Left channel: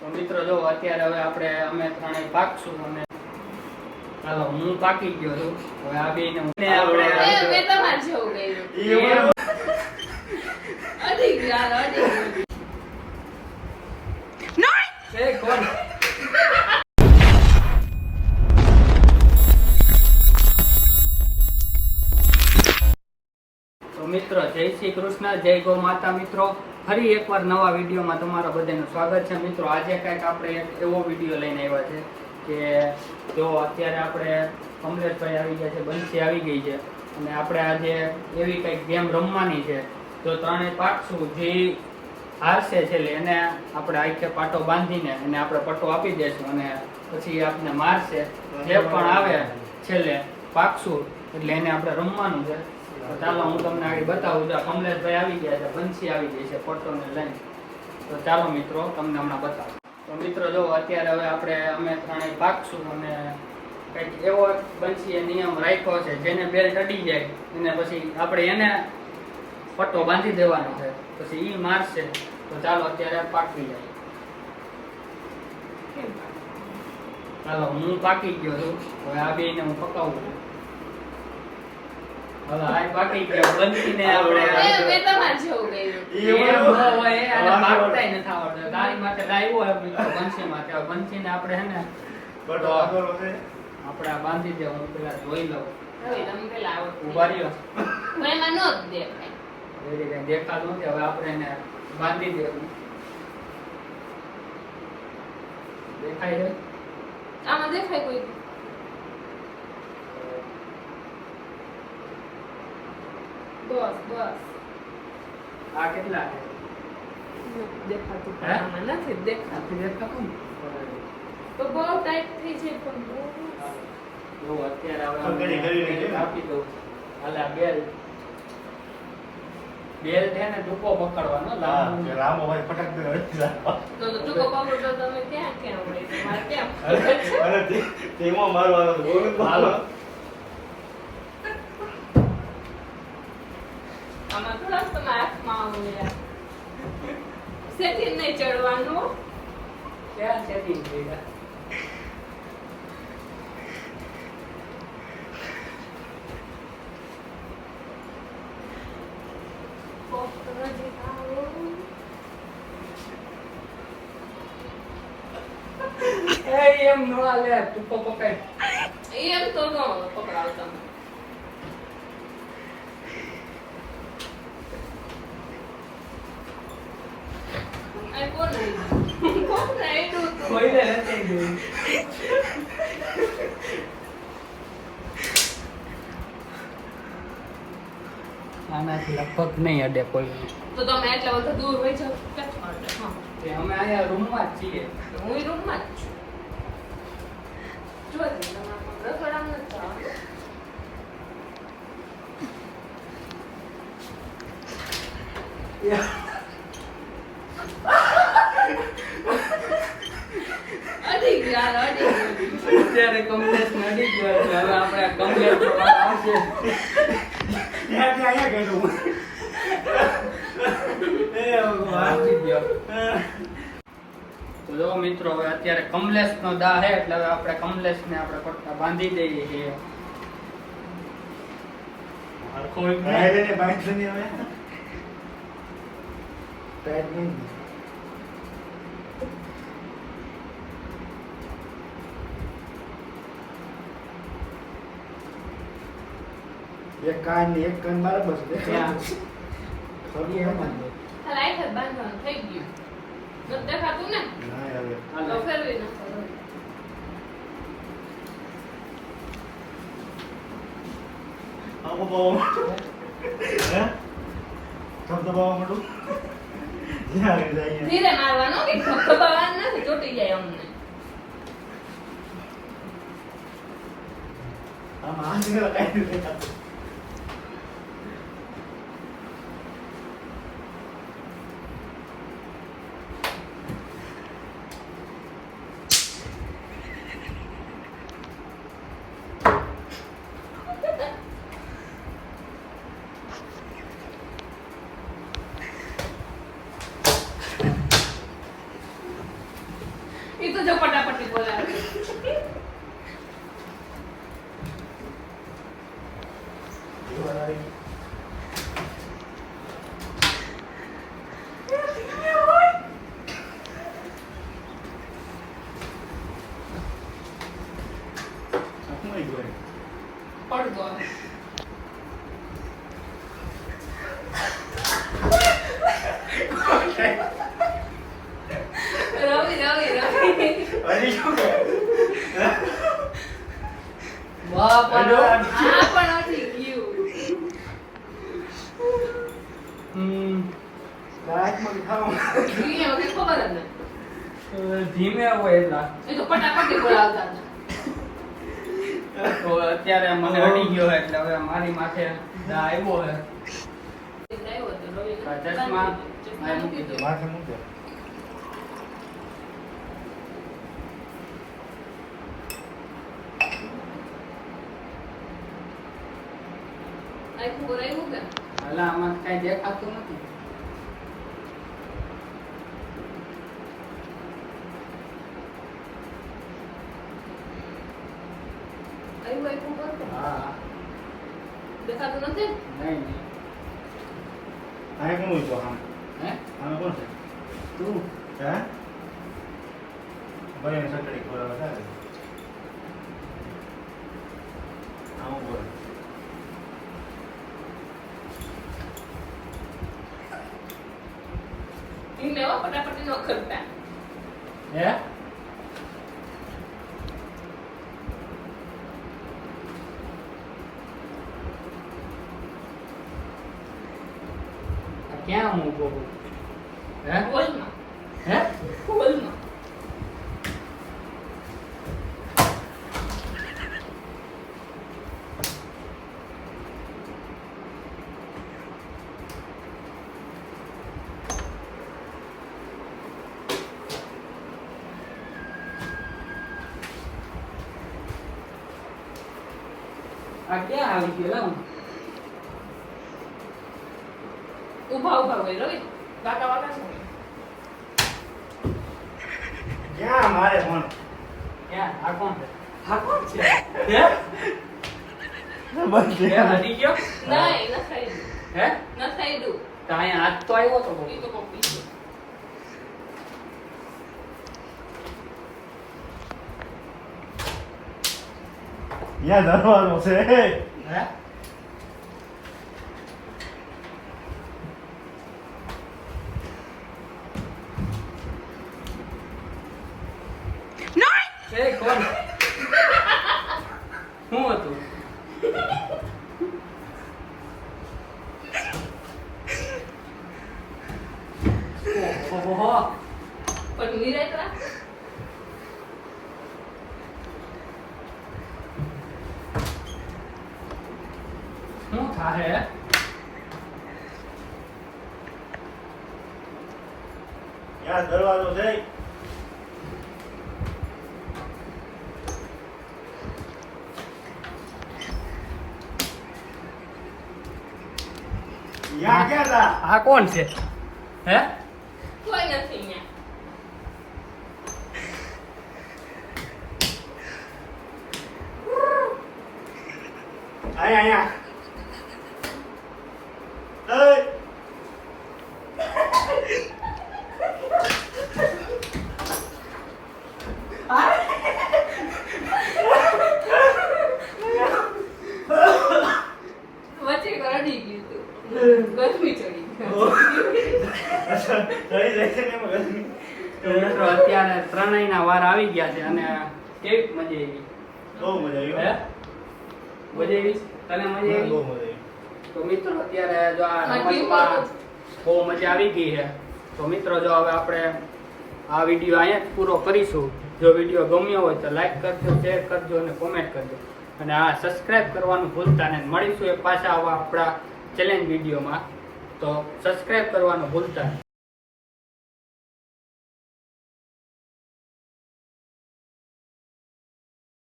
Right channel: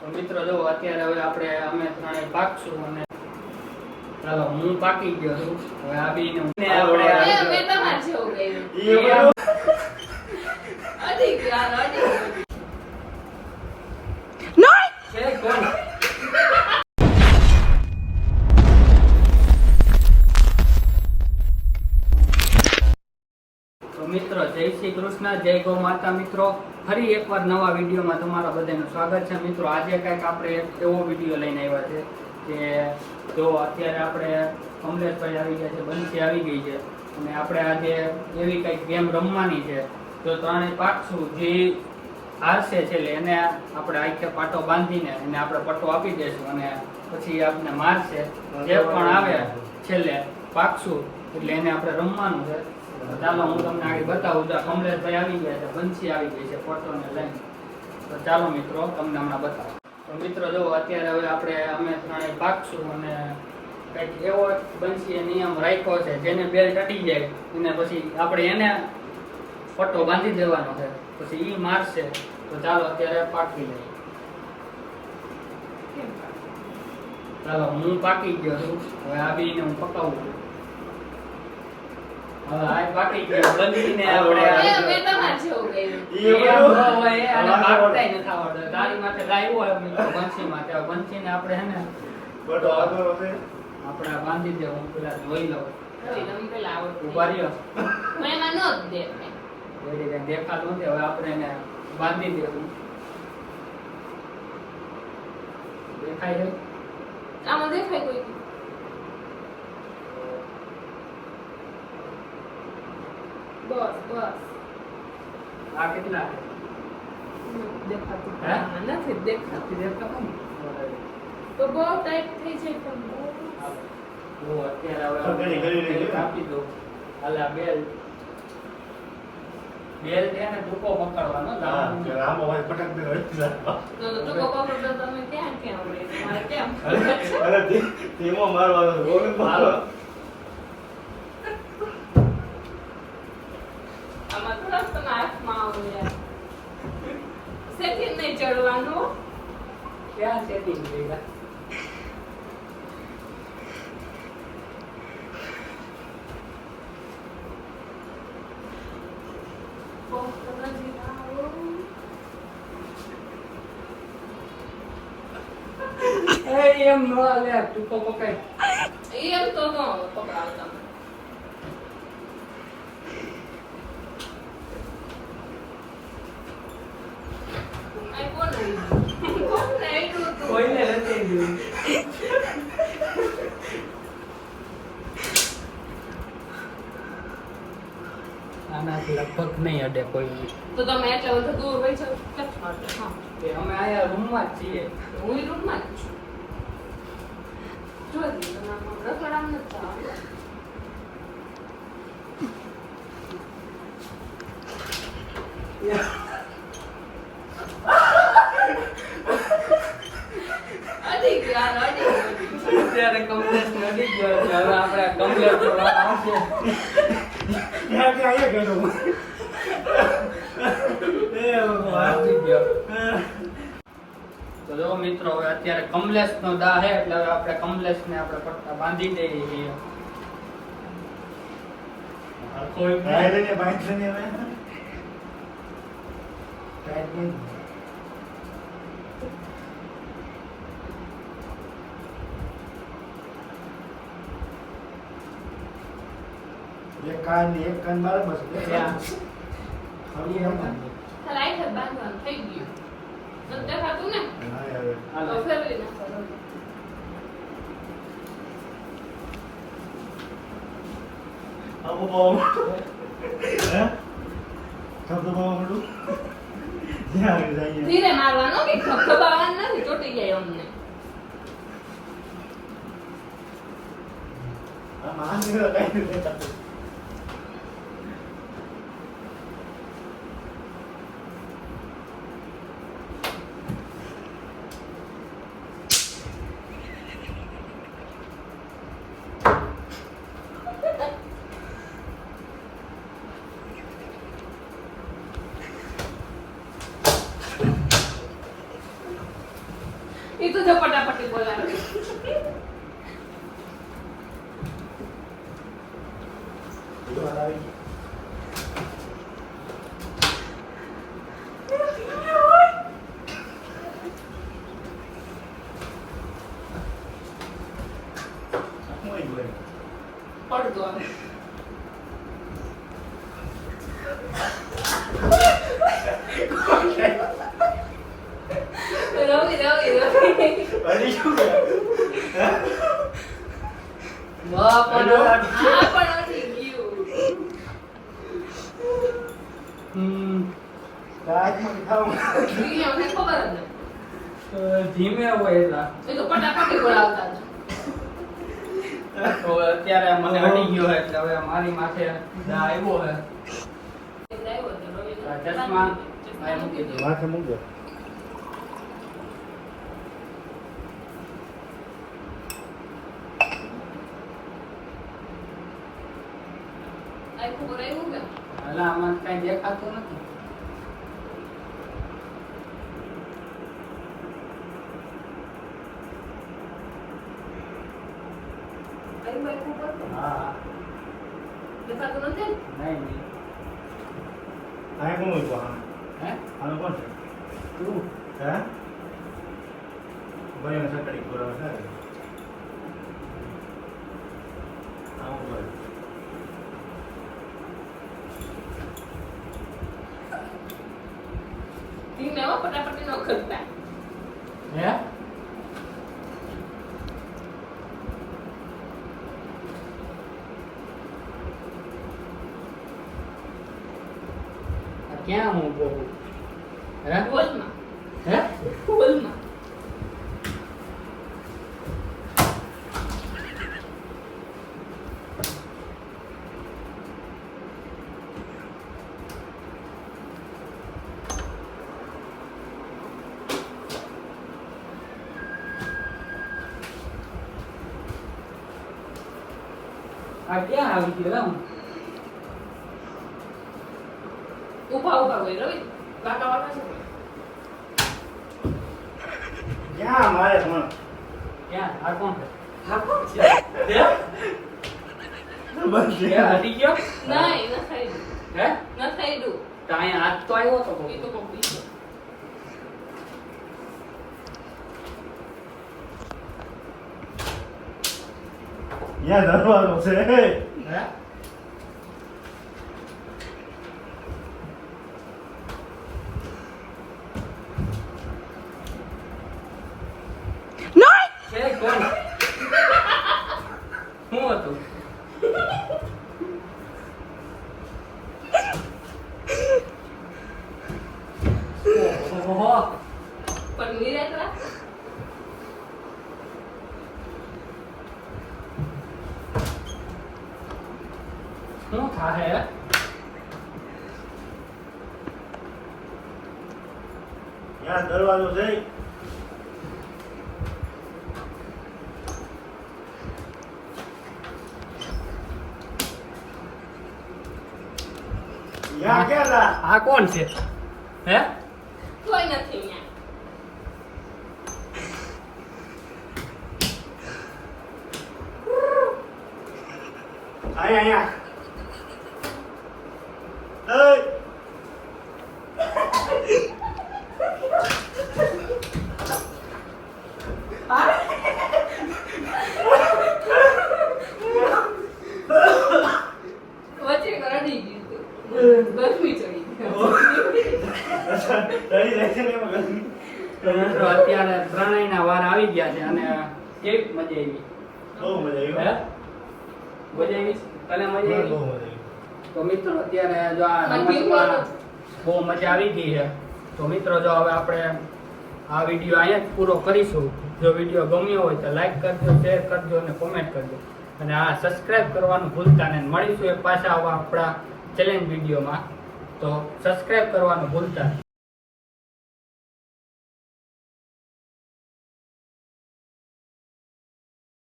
તો મિત્રો જો અત્યારે હવે આપણે અમે ત્રણેય પાકશું અને ચાલો હું પાકી ગયો છું. હવે આ હું- ને આપણે જેવું એ કોણ? મિત્રો જય શ્રી કૃષ્ણ જય ગૌ માતા મિત્રો. ફરી એકવાર નવા વિડીયોમાં તમારા બધાનું સ્વાગત છે. મિત્રો, આજે કંઈક આપણે એક એવો વીડિયો લઈને આવ્યા છે કે જો અત્યારે આપણે કમલેશભાઈ આવી ગયા છે બંસી આવી ગઈ છે. અને આપણે આજે એવી કંઈક ગેમ રમવાની છે. તો ત્રણેય પાકશું જે હારશે છેલ્લે એને આપણે આખે પાટો બાંધીને એને આપણે પટ્ટો આપી દઈશું અને પછી આપણે મારશે. જે પણ આવે છેલ્લે પાકશું એટલે એને આપણે રમવાનું છે. ચાલો, હું તમને આગળ બતાવું. છું આ કમલેશભાઈ આવી ગયા છે બંસી આવી ગઈ છે પટ્ટોને લઈને. તો ચાલો મિત્રો, તમને હમણાં બતાવો. તો મિત્રો, જો અત્યારે હવે આપણે અમે ત્રણેય પાકશું અને કંઈક એવો બંસીએ નિયમ રાખ્યો છે, જેને બેલ ચટી જાય, એને પછી આપણે એને પટ્ટો બાંધી દેવાનો છે, પછી એ મારશે. તો ચાલો, અત્યારે પાકી જાય. ચાલો, હું પાકી ગયો છું. હવે આ બેયને હું પકાવું છું હવે આ પાકી ગયો બંધીને આપણે મેં મેં તમારે જેવું કર્યું. એમ ન હોય, આને પાકતાય નથી આવડતું. તારી માથે લાવ્યો હોય મિત્રો બંસી માથે. હવે બંસીને આપણે હે ને આપણે આ બાંધી દે હું પેલા જોઈ લઉં. તમે પેલા ઊભા રહ્યો. દેખાતું નથી. હવે આપણે એને બાંધી દેવું. દેખાય છે? આમાં દેખાય કોઈ બસ બસ. આ કેટલા? દેખાતું હે? નથી દેખાતું. દેખાતું તો બહુ ટાઈટ થઈ જાય પણ બહુ. અત્યારે તો કરી, કરી, કરી. હવે આપી દો હાલે આ બેલ. બેલ છે ને ટૂંકો પકડવાનો લાંબુ. તો તો ટૂંકો પકડો તમે ક્યાં ક્યાં હોય? તમારે કેમ? હાલો. આમાં થોડાક તમે હાથમાં આવો યાર સેટિંગ નહીં ચડવાનું ક્યાં setting થઈ ગયા? એ એમ નો હાલે ટૂંકો પકડ એમ તો નો પકડાવ તમે આ કોણ આવ્યું? કોણ આવ્યું તું? કોઈને નથી ગયું આનાથી લગભગ નહીં અડે કોઈ. તો તમે એટલે તો દૂર હોય જાવ અમે અહીંયા રૂમમાં જ છીએ. હું રૂમમાં જ છું. જો જી. અત્યારે કમલેશ ગયો છે હવે આપણે કમલેશ ગયો. તો મિત્રો હવે અત્યારે કમલેશ નો દા હે એટલે હવે આપણે કમલેશ ને આપણે પટ્ટા બાંધી દઈએ છીએ એક કાન ને એક કાન બરાબર છે ત્યાં. થોડી એમ જ. ખાલી આઈ હાથ બાંધવાનું થઈ ગયું. નથી દેખાતું ને? હા, હવે. તો હાલે. ફેરવી નાખો. આવો બાવા માંડું. હે? શબ્દ બાવા માંડું? જ્યાં આગળ જઈએ. ધીરે મારવાનો કે ખખડાવવાનું નથી ચોટી જાય અમને આમાં આંગળીઓ કાંઈ તો જો પટાપટી બોલાવે શું આવી ગયું? પડદો આવે. રવિ રવિ રવિ હજી શું કરે? હે? બાપાનો. આ પણ નથી ગયું હમ, હાથમાંથી ખાવાનું. ગયું મને ખબર જ નથી. ધીમે હોય એટલા એ તો પટાપટી બોલાવતા તો અત્યારે મને અડી ગયો એટલે હવે મારી માથે દા આવ્યો. આ ચશ્મા મૂકી દો. માથે મૂકો. આખું બોલાવ્યું કે? એટલે આમાં કઈ દેખાતું નથી આવ્યું આખું બોલ. હા દેખાતું નથી? નહીં નહીં. આ કોણ હોય તો હા? હે આનો કોણ છે? તું હે? ભાઈ એને સકડી ખવડાવે છે. આવું બોલે. હો, પટાપટી ન કરતા. હે ક્યાં હું હોલમાં. હે આ ક્યાં આવી ગયો ઊભા ઊભા ઊભા હોય રવિ. કાકા વાળા છે. ક્યાં મારે પણ? ક્યાં આ કોણ છે આ કોણ છે? હે હટી ગયો નહીં, ન હે ન ખાઈ દઉં. તો અહીંયા હાથ તો આવ્યો તો એ તો કોક ત્યાં દરવાજો છે. હે એ કોણ શું હતું ઓહો પણ નિરાંતરા? શું થાહે ત્યાં દરવાજો છે? આ કોણ છે હે કોઈ નથી. અહીંયા અહીંયા જાય છે ને અત્યારે વાર આવી ગયા છે અને કેવી મજા આવી? બહુ મજા આવી. હે? હો. મજા આવી? તને મજા આવી? તો મિત્રો અત્યારે જો આ રમતમાં બહુ મજા આવી ગઈ છે. તો મિત્રો જો હવે આપણે આ વીડિયો અહીંયા જ પૂરો કરીશું. જો વીડિયો ગમ્યો હોય તો લાઈક કરજો શેર કરજો અને કોમેન્ટ કરજો. અને આ સબસ્ક્રાઇબ કરવાનું ભૂલતા નહીં. મળીશું એક પાછા આવા આપણા ચેલેન્જ વિડીયોમાં. તો સબસ્ક્રાઇબ કરવાનું ભૂલતા નહીં.